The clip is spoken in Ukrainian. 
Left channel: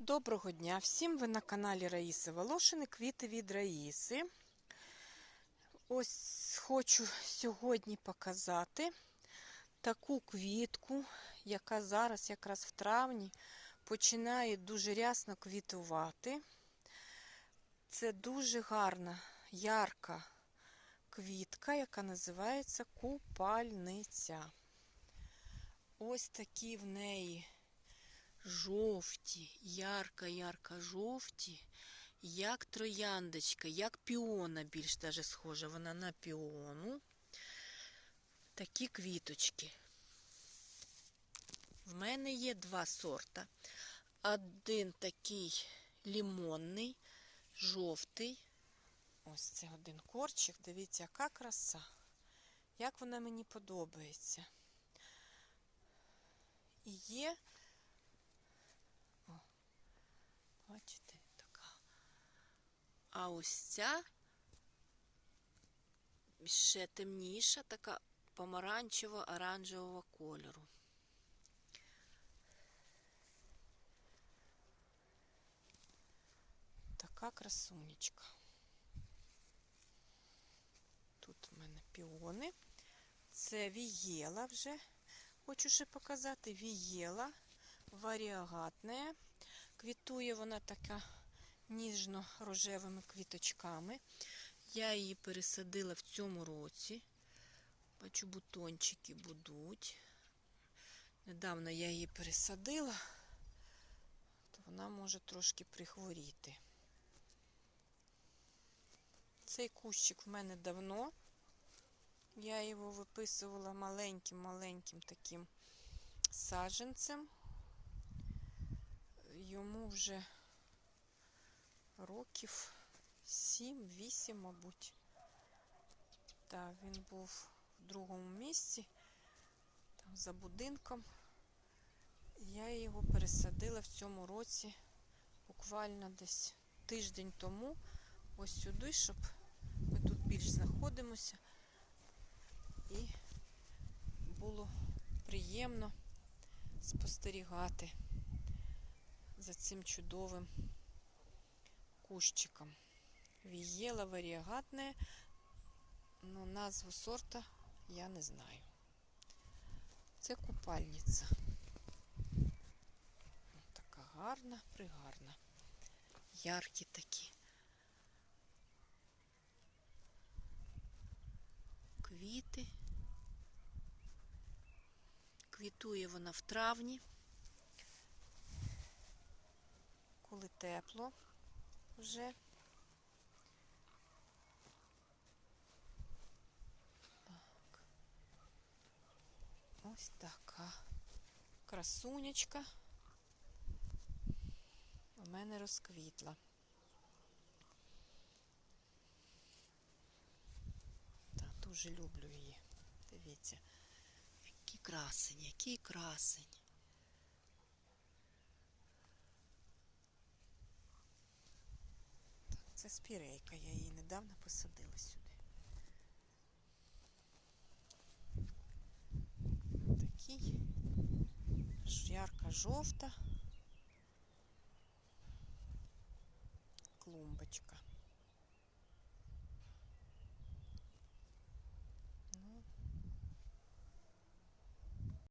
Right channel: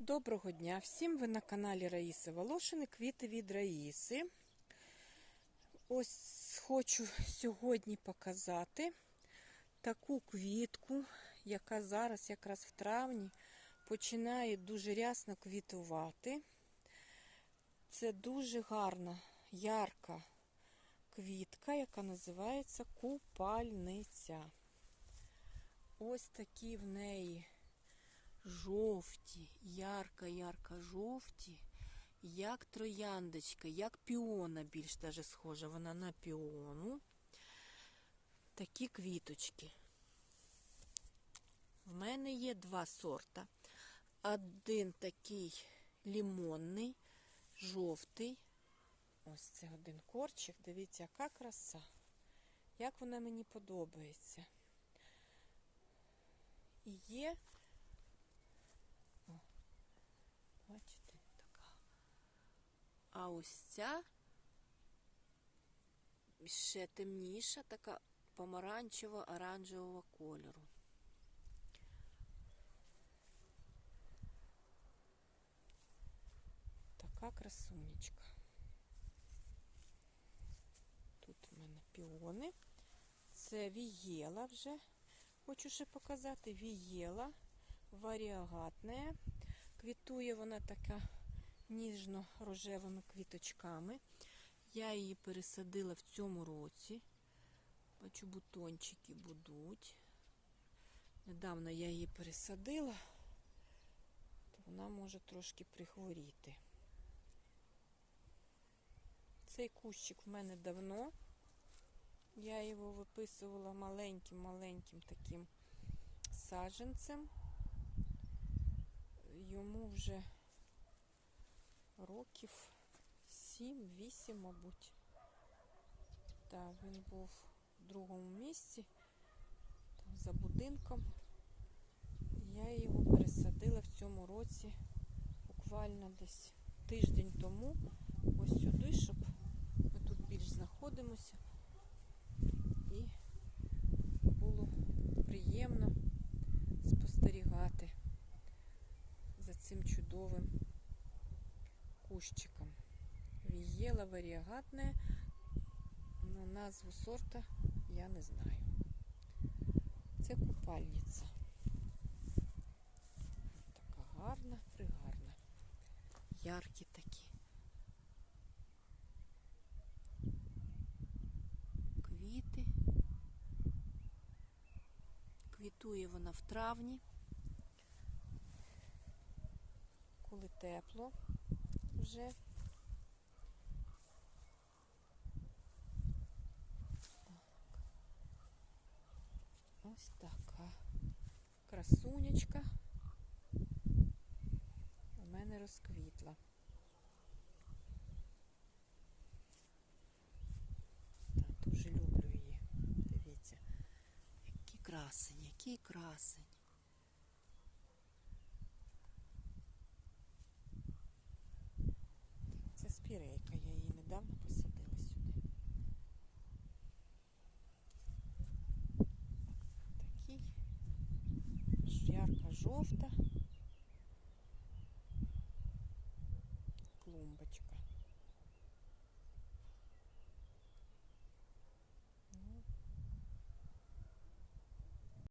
Доброго дня всім! Ви на каналі Раїси Волошини, квіти від Раїси. Ось хочу сьогодні показати таку квітку, яка зараз якраз в травні починає дуже рясно квітувати. Це дуже гарна, ярка квітка, яка називається купальниця. Ось такі в неї жовті, ярка-ярка жовті, як трояндочка, як піона, більш даже схожа вона на піону. Такі квіточки. В мене є два сорта. Один такий лімонний, жовтий. Ось це один корчик. Дивіться, яка краса. Як вона мені подобається. І є Бачите, така. А ось ця ще темніша, така помаранчево-оранжевого кольору. Така красунечка. Тут у мене піони. Це вієла вже. Хочу ще показати вієла варіагатне. Квітує вона така ніжно-рожевими квіточками. Я її пересадила в цьому році. Бачу, бутончики будуть. Недавно я її пересадила, то вона може трошки прихворіти. Цей кущик в мене давно. Я його виписувала маленьким-маленьким таким саджанцем йому вже років 7-8, мабуть. Так, він був в другому місці, там за будинком. Я його пересадила в цьому році буквально десь тиждень тому, ось сюди, щоб ми тут більш знаходимося і було приємно спостерігати за цим чудовим кущиком. Вієла варіагатне, але назву сорта я не знаю. Це купальниця. Така гарна, пригарна. Яркі такі. Квіти. Квітує вона в травні. Коли тепло вже. Так. Ось така красунечка у мене розквітла. Дуже люблю її. Дивіться, який красень, який красень. Спірейка, я її недавно посадила сюди. Такий ярка жовта